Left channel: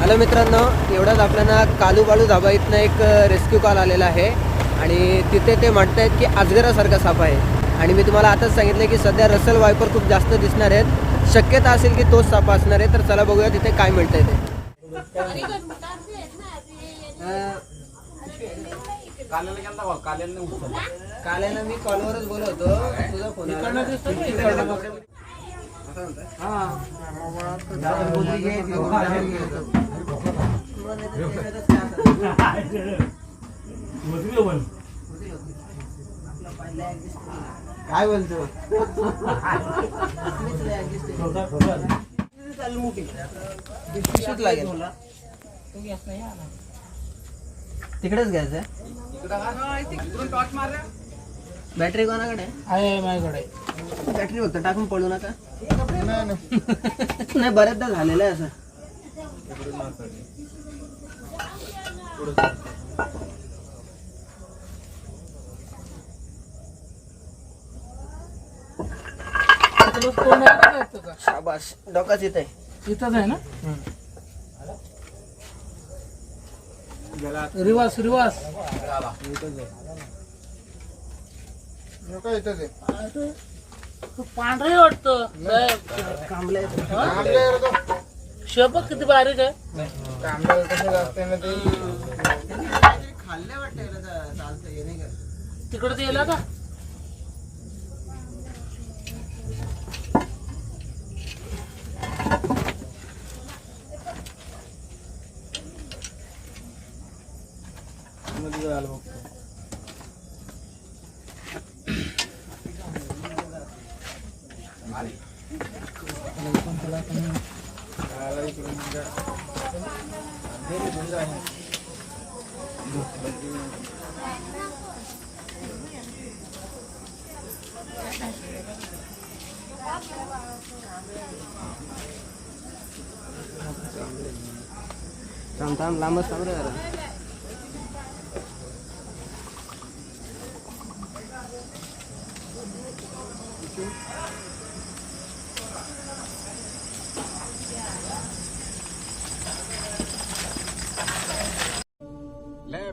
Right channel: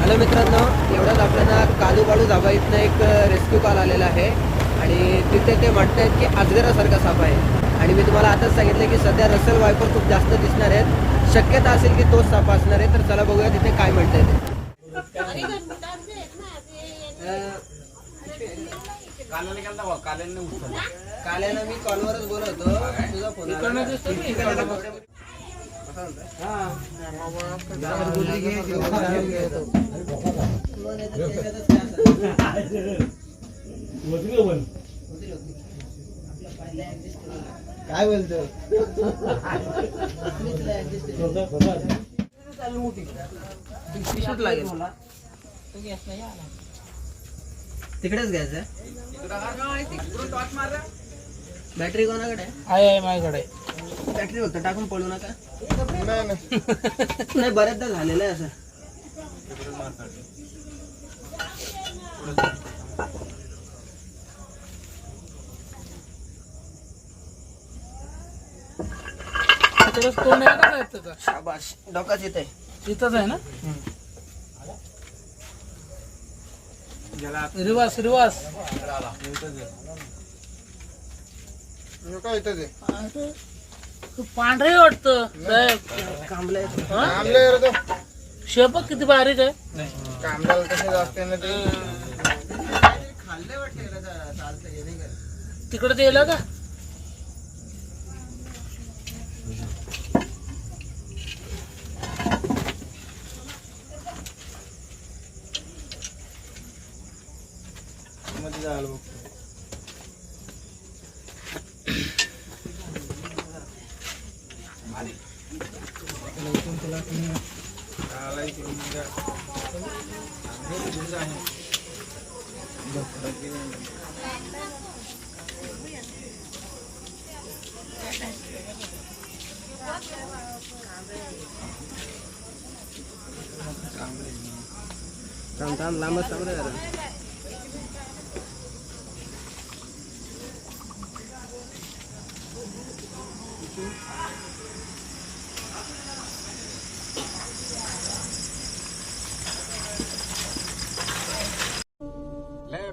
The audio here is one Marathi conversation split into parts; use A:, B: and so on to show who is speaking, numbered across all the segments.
A: हॅलो मित्रांनो एवढ्याच आपल्याला कालू बाळू धाबा इथनं एक रेस्क्यू कॉल आलेला आहे. आणि तिथे ते म्हणतायत की अजगरासारखा साप आहे. आणि मी तुम्हाला आताच सांगितलं की सध्या रसल वायपर खूप जास्त दिसणार आहेत. शक्यता असेल की तोच साप असणार आहे तर चला बघूया तिथे काय म्हणताय ते. काल्यानं मी कॉलवरच बोलवतो. तुझा फोन
B: काय बोलतो?
A: तिकडेच घ्यायचं बॅटरी कोणाकडे?
B: आहे माझ्याकडे
A: बॅटरी फक्त टाकून पडू नका
B: नाही
A: बऱ्याचदा झालेलं आहे असं
B: तिकडे तोंड आहे का येतं का
A: शाबाश डोकाच येत आहे.
B: इथंच आहे ना? रिवास रिवास
C: काय इथंच आहे.
B: तू पांढरे वाटतं. शेपक किती बारीक आहे?
C: कामल्याला कसे असते ना ते
A: खाल्ले वाटते चालतंय
B: तिकडे ते गेला का
C: मध्ये जायला बघतो आला इकडून जा. घे इकडून जा
D: Tam
A: tam lama sampai ada.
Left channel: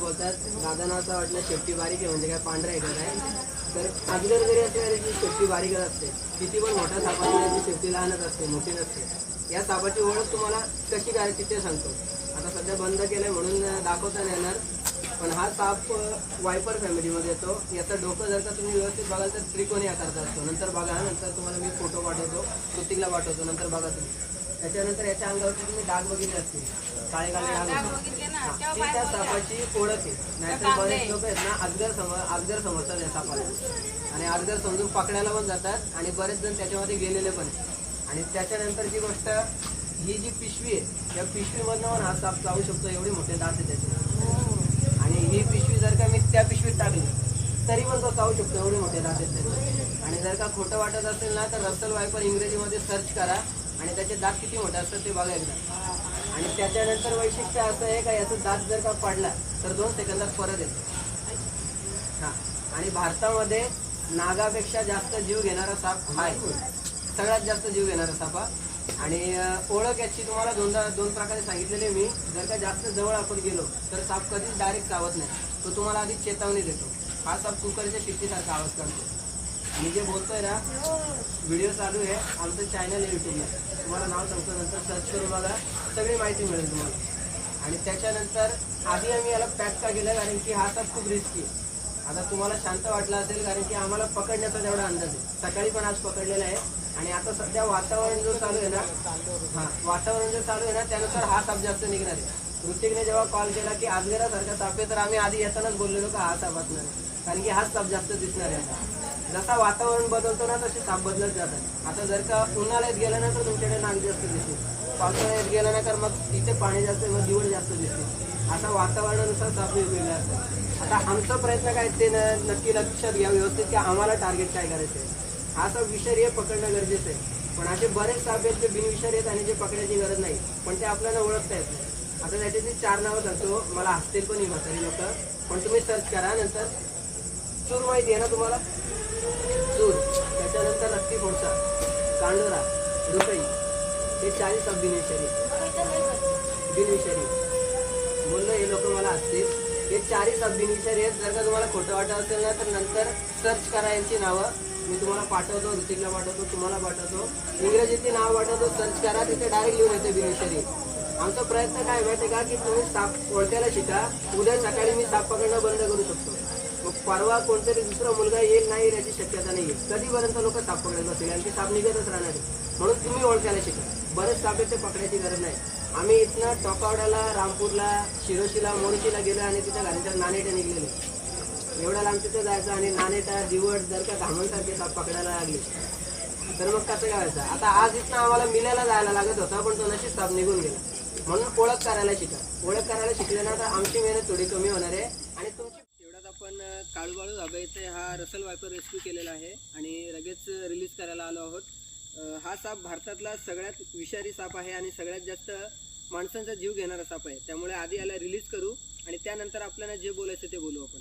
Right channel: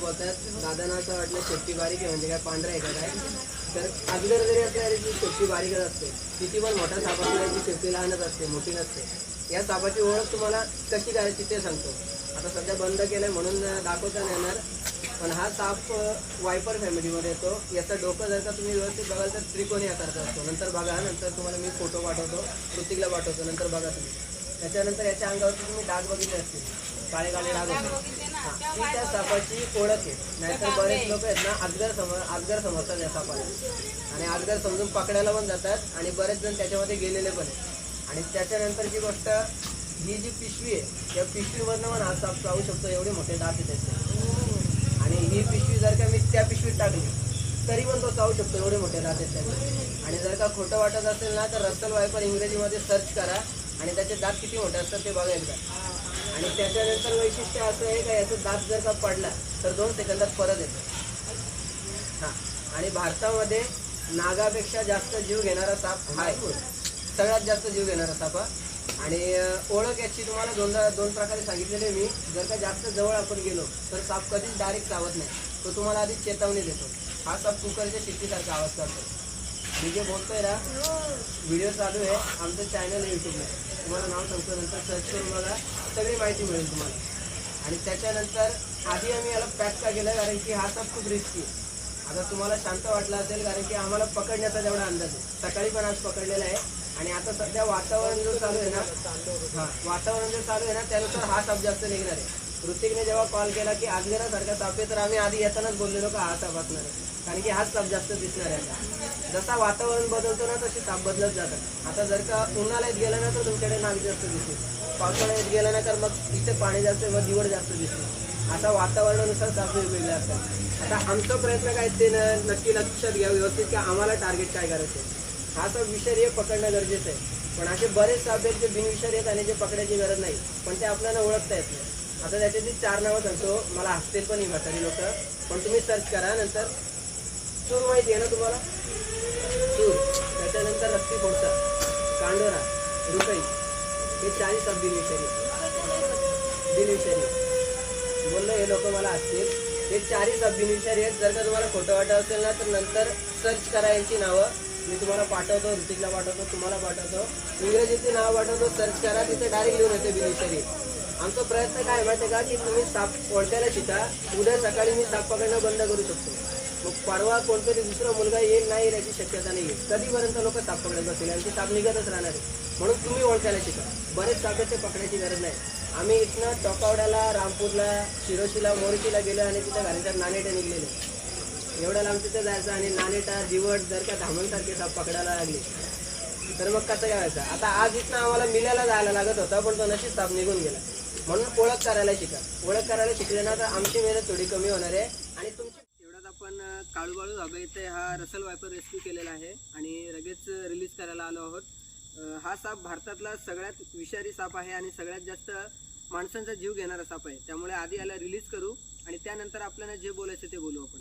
A: बोलतात दादांना असं वाटलं शेपटी बारीक आहे म्हणजे काय पांढरा आहे काय? तर अगोदर जरी असल्या जी शेपटी बारीकच असते. तिथे पण मोठ्या सापाची शेपटी लहानच असते मोठी नसते. या सापाची ओळख तुम्हाला कशी काय तिथे सांगतो. आता सध्या बंद केलंय म्हणून दाखवता नाही येणार पण हा साप वायपर फॅमिलीमध्ये येतो. याचं डोकं जर का तुम्ही व्यवस्थित बघाल तर त्रिकोणी आकारचा असतो. नंतर बघा नंतर तुम्हाला मी फोटो पाठवतो प्रत्येकला पाठवतो नंतर बघा तुम्ही. त्याच्यानंतर याच्या अंगावरती तुम्ही डाग बघितले असतील. काळे काळे डाग. हा, ती त्या सापाची ओळख आहे. नाहीतर बरेच लोक आहेत ना अगदर सम अगदर समजतात या सापाला. आणि अगदर समजून पकडायला पण जातात आणि बरेच जण त्याच्यामध्ये गेलेले पण आहेत. आणि त्याच्यानंतरची गोष्ट ही जी पिशवी आहे या पिशवीमधनं पण हा साप चावू शकतो. एवढे मोठे दात आहे त्याचे. आणि ही पिशवी जर का मी त्या पिशवीत टाकली तरी पण तो चावू शकतो. एवढे मोठे दात आहेत त्याचे. आणि जर का खोटं वाटत असेल ना तर रसल वायपर इंग्रजीमध्ये सर्च करा. आणि त्याचे दात किती मोठे असतात ते बघा एकदा. आणि त्याच्यानंतर वैशिष्ट्य असं आहे का याचा दात जर का पडला तर दोन सेकंदात परत येतो. हा. आणि भारतामध्ये नागापेक्षा जास्त जीव घेणारा साप हा आहे. सगळ्यात जास्त जीव घेणारा साप हा. आणि ओळख याची तुम्हाला दोनदा दोन प्रकारे सांगितलेली मी. जर का जास्त जवळ आपण गेलो तर साप कधीच डायरेक्ट चावत नाही. तो तुम्हाला आधीच चेतावणी देतो. हा साप कुकरच्या शिट्टीसारखा आवाज करतो. मी जे बोलतोय ना व्हिडिओ चालू आहे आमचं चॅनल युट्यूबला तुम्हाला नाव सांगतो नंतर सर्च करून बघा. सगळी माहिती मिळेल तुम्हाला. आणि त्याच्यानंतर आधी आम्ही याला पॅक का केलं कारण की हा साप खूप रिस्की आहे आता तुम्हाला शांत वाटला असेल कारण की आम्हाला पकडण्याचा जेवढा अंदाज आहे. सकाळी पण आज पकडलेला आहे. आणि आता सध्या वातावरण जो चालू आहे ना हा वातावरण जो चालू आहे ना त्यानुसार हा साप जास्त निघणार आहे. ऋतिकने जेव्हा कॉल केला की आजगेरासारखा साप आहे तर आम्ही आधी येतानाच बोललेलो का हा साप असणार कारण की हाच साप जास्त दिसणार आहे आता. जसा वातावरण बदलतो ना तसे ताप बदलत जातात. आता जर का उन्हाळ्यात गेला ना तर तुमच्याकडे नाग जास्त दिसते. पावसाळ्यात गेला ना तर मग तिथे पाणी जास्त व दिवड जास्त दिसते. आता वातावरणानुसार ताप वेगवेगळे असतात. आता आमचा प्रयत्न काय ते नक्की लक्षात घ्या व्यवस्थित की आम्हाला टार्गेट काय करायचं आहे हा साप विषारी पकडणं गरजेचं आहे. पण असे बरेच साप आहेत जे बिनविषारी आहेत आणि जे पकडायची गरज नाही. पण ते आपल्याला ओळखता येत नाही. आता त्याच्यातली चार नावं सांगतो. मला हसतील पण ही म्हातारी लोक. पण तुम्ही सर्च करा. नंतर सुरू माहिती आहे ना तुम्हाला? सूर त्याच्यानंतर रक्ती फोडसा कांडोरा रुकई हे चाळीस साप बिनविषारी बोललो हे लोक मला असतील. हे चाळीस सब आहेत. जर का तुम्हाला खोटं वाटत असेल ना तर नंतर सर्च करा यांची नावं. मी तुम्हाला पाठवतो ऋतिकला पाठवतो तुम्हाला पाठवतो. इंग्रजीची नाव पाठवतो सर्च करा तिथे डायरेक्ट लिहून येते बिनिफिशरी आमचा प्रयत्न काय माहिती का की तुम्ही साप ओळखायला शिका. उद्या सकाळी मी साप पकडणं बंद करू शकतो. मग परवा कोणतरी दुसरा मुलगा येईल नाही याची शक्यता नाही आहे कधीपर्यंत लोक साप पकडत असेल आणि ते साप निघतच राहणार आहे म्हणून तुम्ही ओळखायला शिका. बरेच साप ते पकडायची गरज नाही. आम्ही इथनं टोकावड्याला रामपूरला शिरोशीला मोरशीला गेलो आणि तिथं घराच्या नाणेटा निघलेले. एवढा लांब तिथं जायचं आणि नाणेटा दिवट जर का धामणसारखे साप पकडायला लागले तर मग कसं करायचं आता आज इथनं आम्हाला मिलायला जायला लागत होता पण तो नशीब साप निघून गेला. म्हणून ओळख करायला शिका. ओळख करायला शिकले ना तर आमची मेहनत थोडी कमी होणार आहे आणि तुमची काळूबाळू धाबा इथे हा रसल वायपर रेस्क्यू केलेला आहे आणि लगेच रिलीज करायला आलो आहोत. हा साप भारतातला सगळ्यात विषारी साप आहे आणि सगळ्यात जास्त माणसांचा जीव घेणारा साप आहे. त्यामुळे आधी याला रिलीज करू आणि त्यानंतर आपल्याला जे बोलायचं ते बोलू आपण.